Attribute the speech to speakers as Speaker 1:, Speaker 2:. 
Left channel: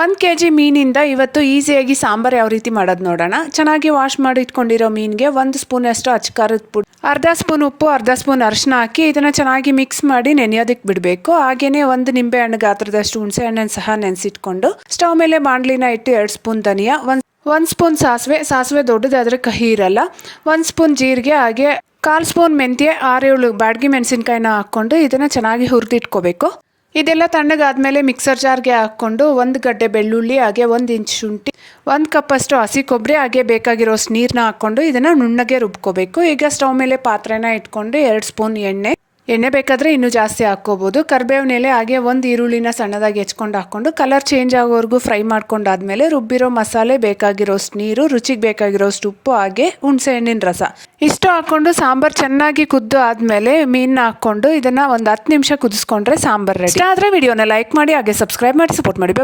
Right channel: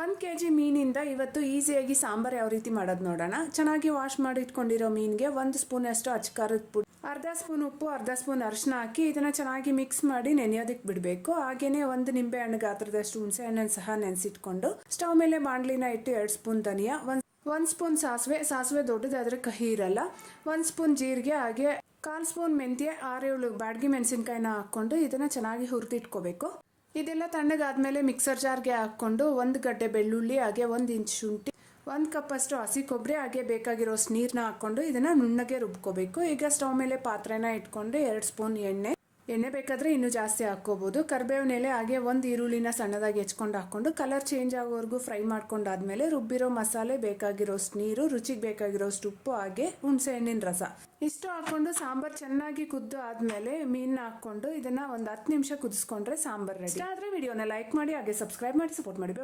Speaker 1: ಒಂದು K G ಮೀನಿಂದ ಇವತ್ತು ಈಸಿಯಾಗಿ ಸಾಂಬಾರು ಯಾವ ರೀತಿ ಮಾಡೋದು ನೋಡೋಣ. ಚೆನ್ನಾಗಿ ವಾಶ್ ಮಾಡಿ ಇಟ್ಕೊಂಡಿರೋ ಮೀನಿಗೆ ಒಂದು ಸ್ಪೂನಷ್ಟು ಅಚ್ಕಾರದ ಪುಡಿ, ಅರ್ಧ ಸ್ಪೂನ್ ಉಪ್ಪು, ಅರ್ಧ ಸ್ಪೂನ್ ಅರಿಶಿನ ಹಾಕಿ ಇದನ್ನು ಚೆನ್ನಾಗಿ ಮಿಕ್ಸ್ ಮಾಡಿ ನೆನೆಯೋದಕ್ಕೆ ಬಿಡಬೇಕು. ಹಾಗೆಯೇ ಒಂದು ನಿಂಬೆ ಹಣ್ಣು ಗಾತ್ರದಷ್ಟು ಹುಣಸೆ ಹಣ್ಣನ್ನು ಸಹ ನೆನೆಸಿಟ್ಕೊಂಡು ಸ್ಟವ್ ಮೇಲೆ ಬಾಣಲಿನ ಇಟ್ಟು ಎರಡು ಸ್ಪೂನ್ ಧನಿಯಾ, ಒಂದು ಒಂದು ಸ್ಪೂನ್ ಸಾಸಿವೆ ಸಾಸಿವೆ ದೊಡ್ಡದಾದರೆ ಕಹಿ ಇರಲ್ಲ, ಒಂದು ಸ್ಪೂನ್ ಜೀರಿಗೆ, ಹಾಗೆ ಕಾಲು ಸ್ಪೂನ್ ಮೆಂತ್ಯೆ, ಆರೇಳು ಬಾಡ್ಗೆ ಮೆಣಸಿನ್ಕಾಯಿನ ಹಾಕ್ಕೊಂಡು ಇದನ್ನು ಚೆನ್ನಾಗಿ ಹುರಿದಿಟ್ಕೋಬೇಕು. ಇದೆಲ್ಲ ತಣ್ಣಗಾದ್ಮೇಲೆ ಮಿಕ್ಸರ್ ಜಾರ್ಗೆ ಹಾಕ್ಕೊಂಡು ಒಂದು ಗಡ್ಡೆ ಬೆಳ್ಳುಳ್ಳಿ, ಹಾಗೆ ಒಂದು ಇಂಚ್ ಶುಂಠಿ, ಒಂದು ಕಪ್ಪಷ್ಟು ಹಸಿ ಕೊಬ್ಬರಿ, ಹಾಗೆ ಬೇಕಾಗಿರೋಷ್ಟು ನೀರನ್ನ ಹಾಕ್ಕೊಂಡು ಇದನ್ನು ನುಣ್ಣಗೆ ರುಬ್ಕೋಬೇಕು. ಈಗ ಸ್ಟವ್ ಮೇಲೆ ಪಾತ್ರೆನ ಇಟ್ಕೊಂಡು ಎರಡು ಸ್ಪೂನ್ ಎಣ್ಣೆ ಎಣ್ಣೆ ಬೇಕಾದರೆ ಇನ್ನೂ ಜಾಸ್ತಿ ಹಾಕ್ಕೋಬೋದು. ಕರ್ಬೇವಿನ ಎಲೆ ಹಾಗೆ ಒಂದು ಈರುಳ್ಳಿನ ಸಣ್ಣದಾಗಿ ಹೆಚ್ಕೊಂಡು ಹಾಕ್ಕೊಂಡು ಕಲರ್ ಚೇಂಜ್ ಆಗೋವರೆಗೂ ಫ್ರೈ ಮಾಡ್ಕೊಂಡಾದ್ಮೇಲೆ ರುಬ್ಬಿರೋ ಮಸಾಲೆ ಬೇಕಾಗಿರೋಷ್ಟು ನೀರು, ರುಚಿಗೆ ಬೇಕಾಗಿರೋಷ್ಟು ಉಪ್ಪು ಹಾಗೆ ಹುಣಸೆಹಣ್ಣಿನ ರಸ. ಇಷ್ಟು ಹಾಕ್ಕೊಂಡು ಸಾಂಬಾರು ಚೆನ್ನಾಗಿ ಕುದ್ದು ಆದಮೇಲೆ ಮೀನನ್ನ ಹಾಕ್ಕೊಂಡು ಇದನ್ನು ಒಂದು ಹತ್ತು ನಿಮಿಷ ಕುದಿಸ್ಕೊಂಡ್ರೆ ಸಾಂಬಾರು ರೆಡಿ ಆದರೆ ವಿಡಿಯೋನ ಲೈಕ್ ಮಾಡಿ ಹಾಗೆ ಸಬ್ಸ್ಕ್ರೈಬ್ ಮಾಡಿ ಸಪೋರ್ಟ್ ಮಾಡಿ.